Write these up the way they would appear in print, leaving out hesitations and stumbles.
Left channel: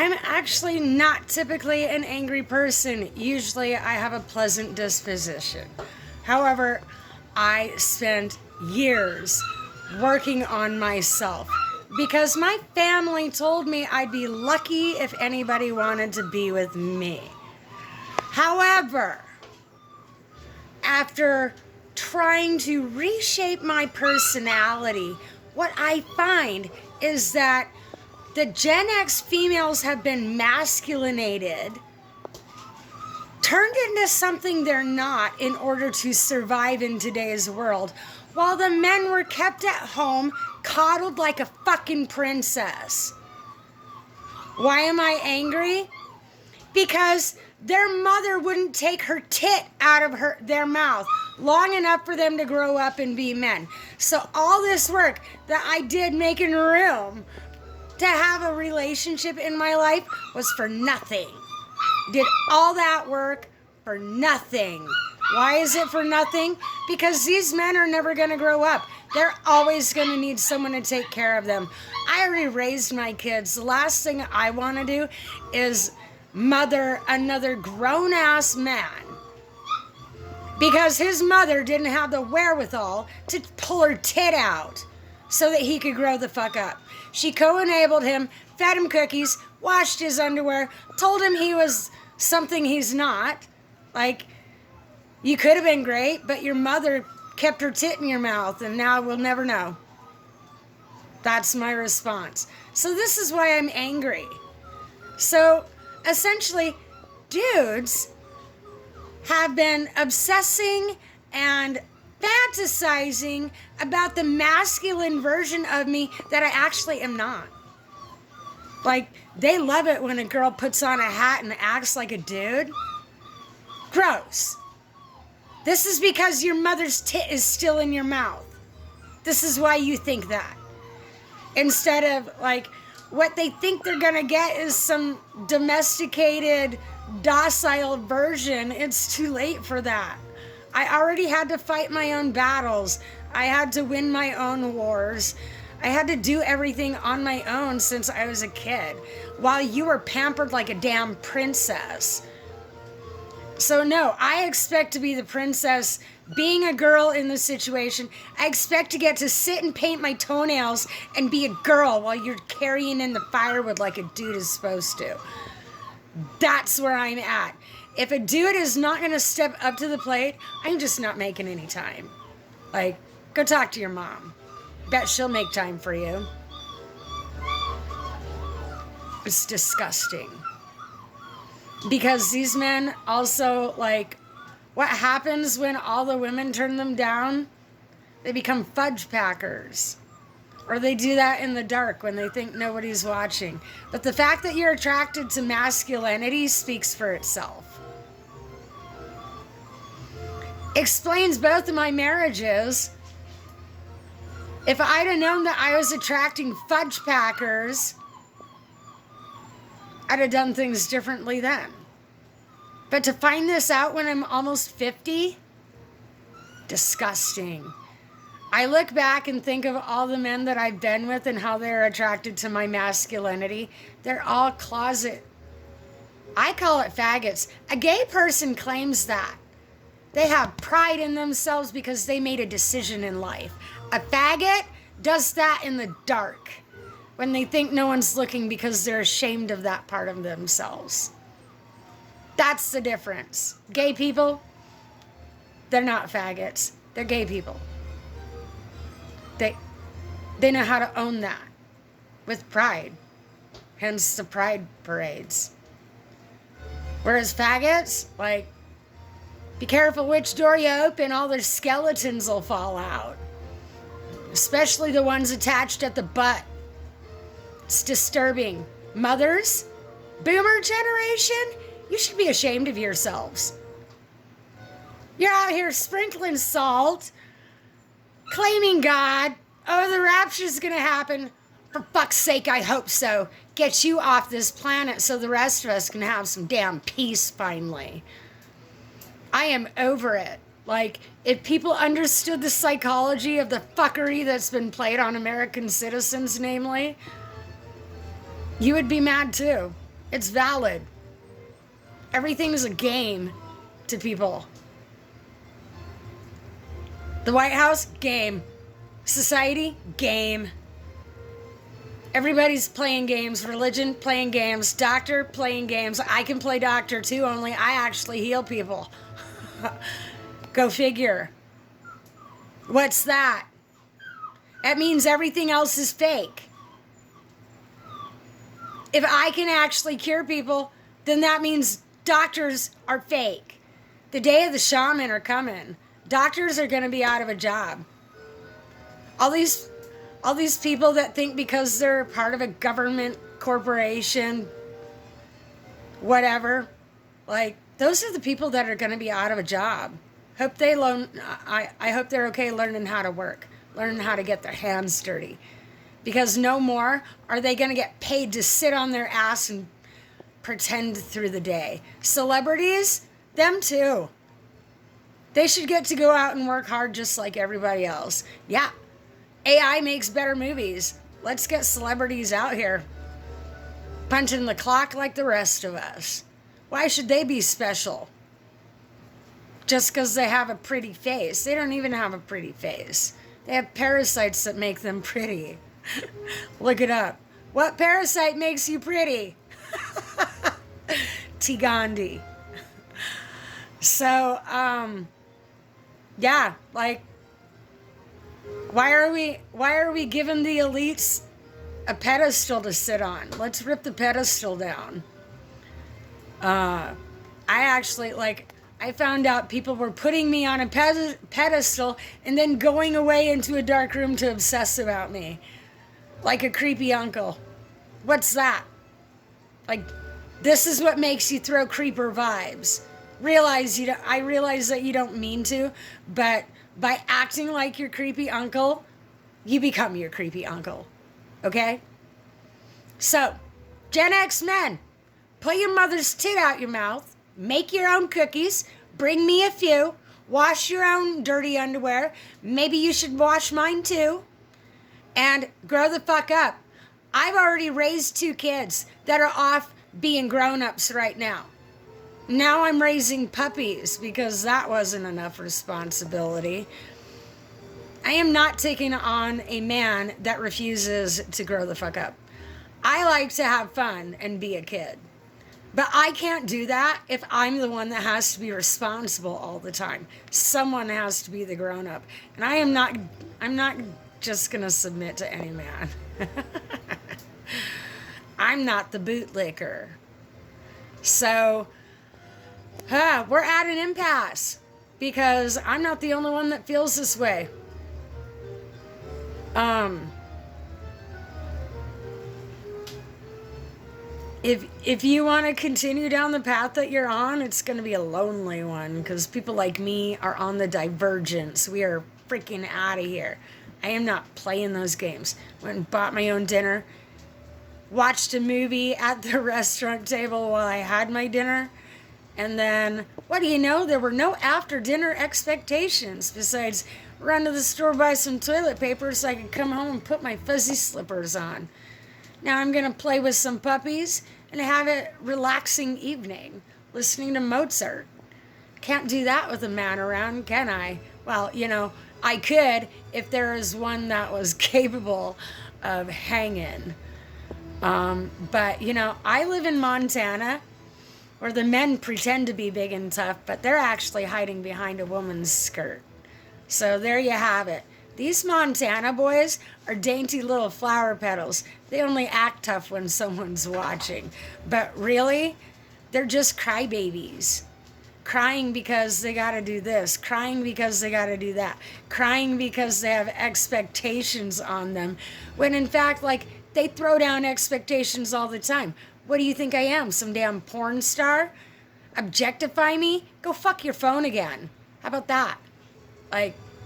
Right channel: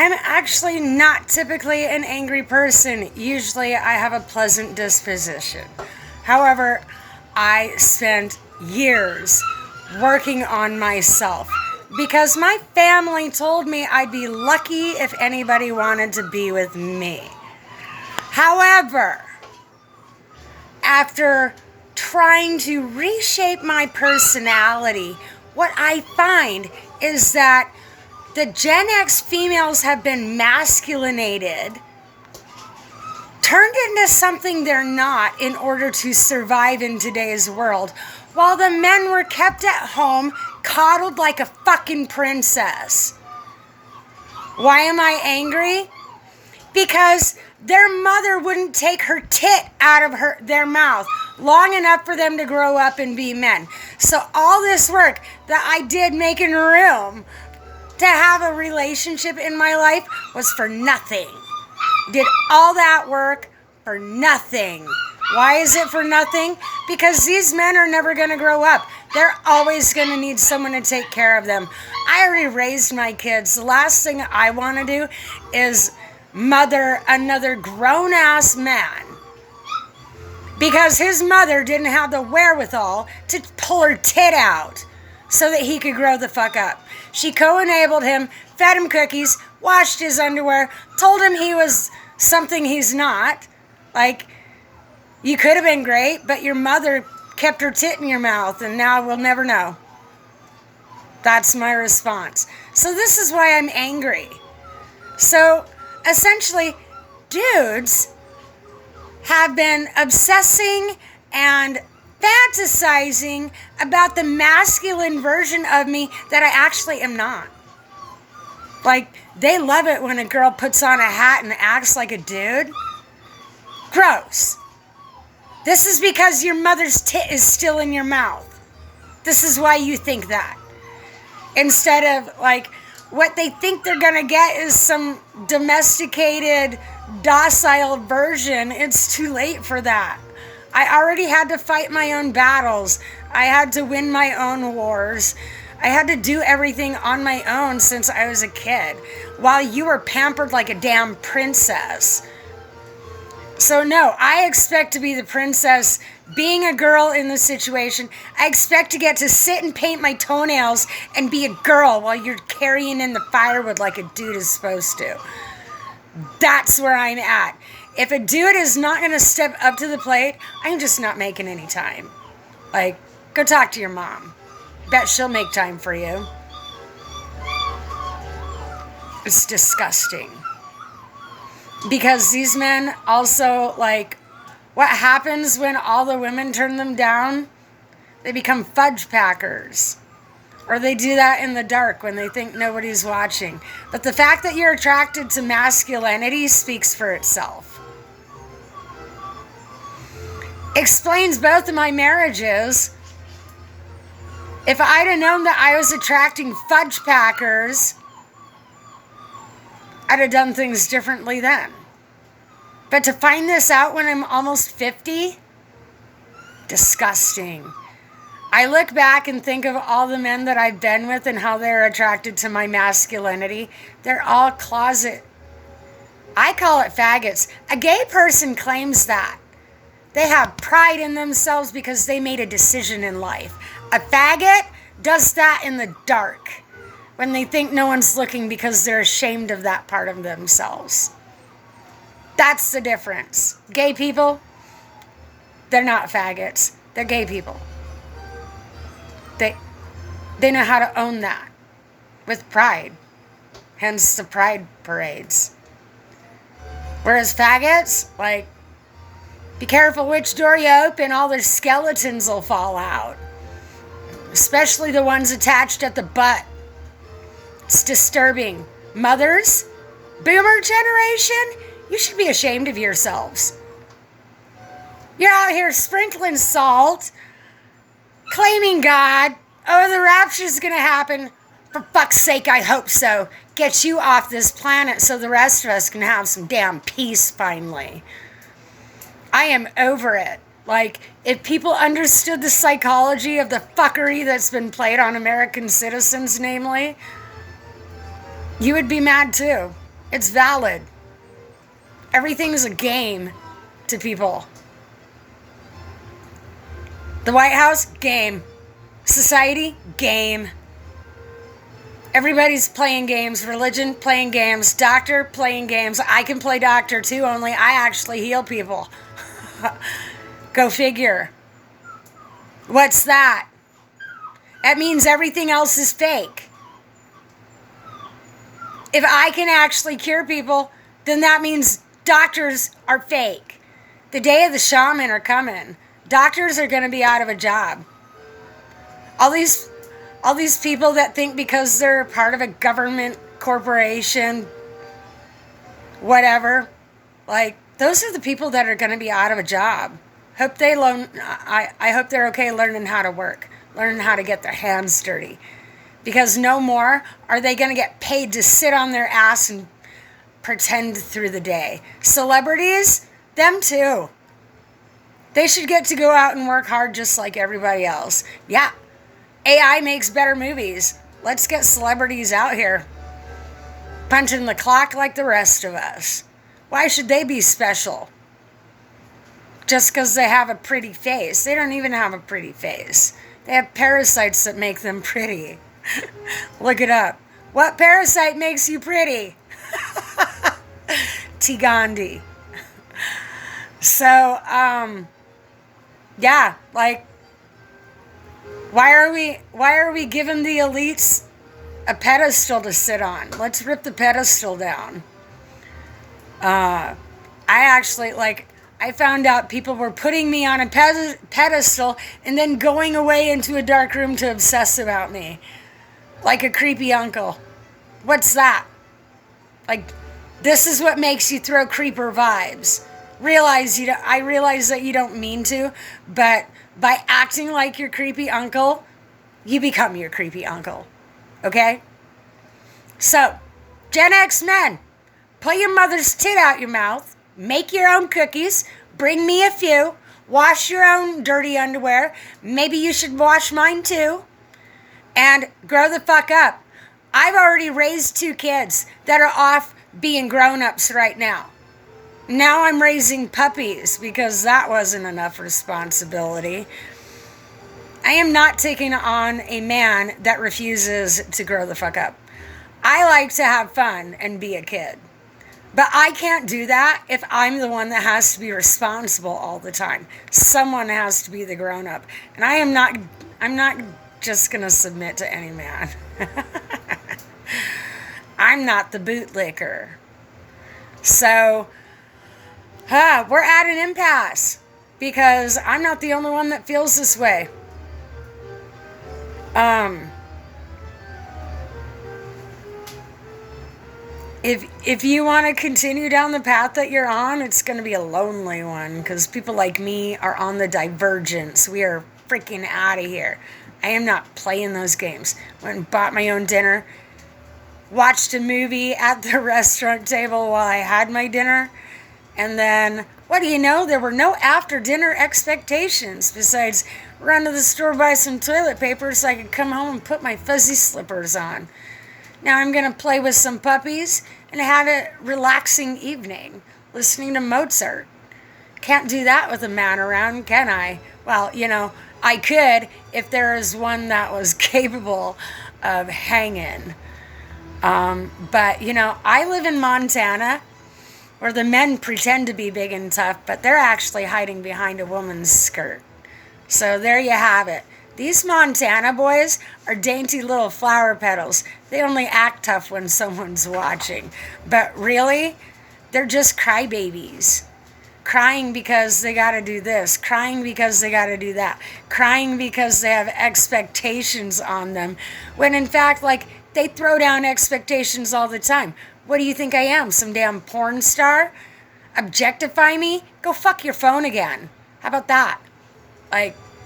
I'm actually not typically an angry person. Usually I have a pleasant disposition. However, I spent years working on myself because my family told me I'd be lucky if anybody wanted to be with me. However, after trying to reshape my personality, what I find is that the Gen X females have been masculinated, turned into something they're not in order to survive in today's world, while the men were kept at home, coddled like a fucking princess. Why am I angry? Because their mother wouldn't take her tit out of their mouth long enough for them to grow up and be men. So all this work that I did making room to have a relationship in my life was for nothing. Did all that work for nothing. Why is it for nothing? Because these men are never going to grow up. They're always going to need someone to take care of them. I already raised my kids. The last thing I want to do is mother another grown-ass man because his mother didn't have the wherewithal to pull her tit out so that he could grow the fuck up. She co-enabled him, fed him cookies, washed his underwear, told him he was something he's not. Like, you could have been great, but your mother kept her tit in your mouth, and now we'll never know. That's my response. So this is why I'm angry. So, essentially, dudes have been obsessing and fantasizing about the masculine version of me that I actually am not. Like, they love it when a girl puts on a hat and acts like a dude. Gross. This is because your mother's tit is still in your mouth. This is why you think that. Instead of, like, what they think they're gonna get is some domesticated, docile version. It's too late for that. I already had to fight my own battles. I had to win my own wars. I had to do everything on my own since I was a kid, while you were pampered like a damn princess. So no, I expect to be the princess. Being a girl in this situation, I expect to get to sit and paint my toenails and be a girl while you're carrying in the firewood like a dude is supposed to. That's where I'm at. If a dude is not going to step up to the plate, I'm just not making any time. Like, go talk to your mom. Bet she'll make time for you. It's disgusting. Because these men also, like, what happens when all the women turn them down? They become fudge packers. Or they do that in the dark when they think nobody's watching. But the fact that you're attracted to masculinity speaks for itself. Explains both of my marriages. If I'd have known that I was attracting fudge packers, I'd have done things differently then. But to find this out when I'm almost 50, disgusting. I look back and think of all the men that I've been with and how they're attracted to my masculinity. They're all closet. I call it faggots. A gay person claims that. They have pride in themselves because they made a decision in life. A faggot does that in the dark when they think no one's looking because they're ashamed of that part of themselves. That's the difference. Gay people, they're not faggots. They're gay people. They know how to own that with pride. Hence the pride parades. Whereas faggots, like, be careful which door you open, all their skeletons will fall out. Especially the ones attached at the butt. It's disturbing. Mothers, boomer generation, you should be ashamed of yourselves. You're out here sprinkling salt, claiming God. Oh, the rapture's going to happen. For fuck's sake, I hope so. Get you off this planet so the rest of us can have some damn peace finally. I am over it. Like, if people understood the psychology of the fuckery that's been played on American citizens, namely, you would be mad too. It's valid. Everything's a game to people. The White House, game. Society, game. Everybody's playing games. Religion, playing games. Doctor, playing games. I can play doctor too, only I actually heal people. Go figure. What's that? That means everything else is fake. If I can actually cure people, then that means doctors are fake. The day of the shaman are coming. Doctors are going to be out of a job. All these people that think because they're part of a government corporation, whatever, like those are the people that are going to be out of a job. Hope they learn. I hope they're okay learning how to work, learning how to get their hands dirty, because no more are they going to get paid to sit on their ass and pretend through the day. Celebrities, them too. They should get to go out and work hard just like everybody else. Yeah, AI makes better movies. Let's get celebrities out here punching the clock like the rest of us. Why should they be special? Just because they have a pretty face. They don't even have a pretty face. They have parasites that make them pretty. Look it up. What parasite makes you pretty? T. Gandhi. So, yeah, like, why are we giving the elites a pedestal to sit on? Let's rip the pedestal down. I actually, I found out people were putting me on a pedestal and then going away into a dark room to obsess about me. Like a creepy uncle. What's that? Like, this is what makes you throw creeper vibes. I realize that you don't mean to, but by acting like your creepy uncle, you become your creepy uncle. Okay? So, Gen X men, pull your mother's tit out your mouth, make your own cookies, bring me a few, wash your own dirty underwear, maybe you should wash mine too, and grow the fuck up. I've already raised 2 kids that are off being grown-ups right now. Now I'm raising puppies because that wasn't enough responsibility. I am not taking on a man that refuses to grow the fuck up. I like to have fun and be a kid. But I can't do that if I'm the one that has to be responsible all the time. Someone has to be the grown-up. And I'm not just going to submit to any man. I'm not the bootlicker. So, we're at an impasse because I'm not the only one that feels this way. If you want to continue down the path that you're on, it's going to be a lonely one because people like me are on the divergence. We are freaking out of here. I am not playing those games. Went and bought my own dinner. Watched a movie at the restaurant table while I had my dinner. And then, what do you know? There were no after-dinner expectations besides run to the store, buy some toilet paper so I could come home and put my fuzzy slippers on. Now I'm going to play with some puppies and have a relaxing evening, listening to Mozart. Can't do that with a man around, can I? Well, I could if there is one that was capable of hanging. But, I live in Montana, where the men pretend to be big and tough, but they're actually hiding behind a woman's skirt. So there you have it. These Montana boys are dainty little flower petals. They only act tough when someone's watching. But really, they're just crybabies. Crying because they gotta do this. Crying because they gotta do that. Crying because they have expectations on them. When in fact, they throw down expectations all the time. What do you think I am? Some damn porn star? Objectify me? Go fuck your phone again. How about that?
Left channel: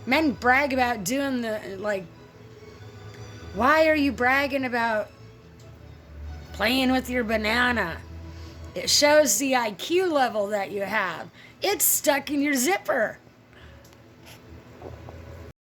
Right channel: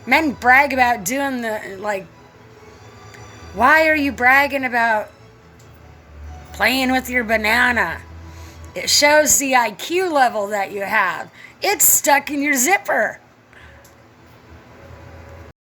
Men brag about doing why are you bragging about playing with your banana? It shows the IQ level that you have. It's stuck in your zipper.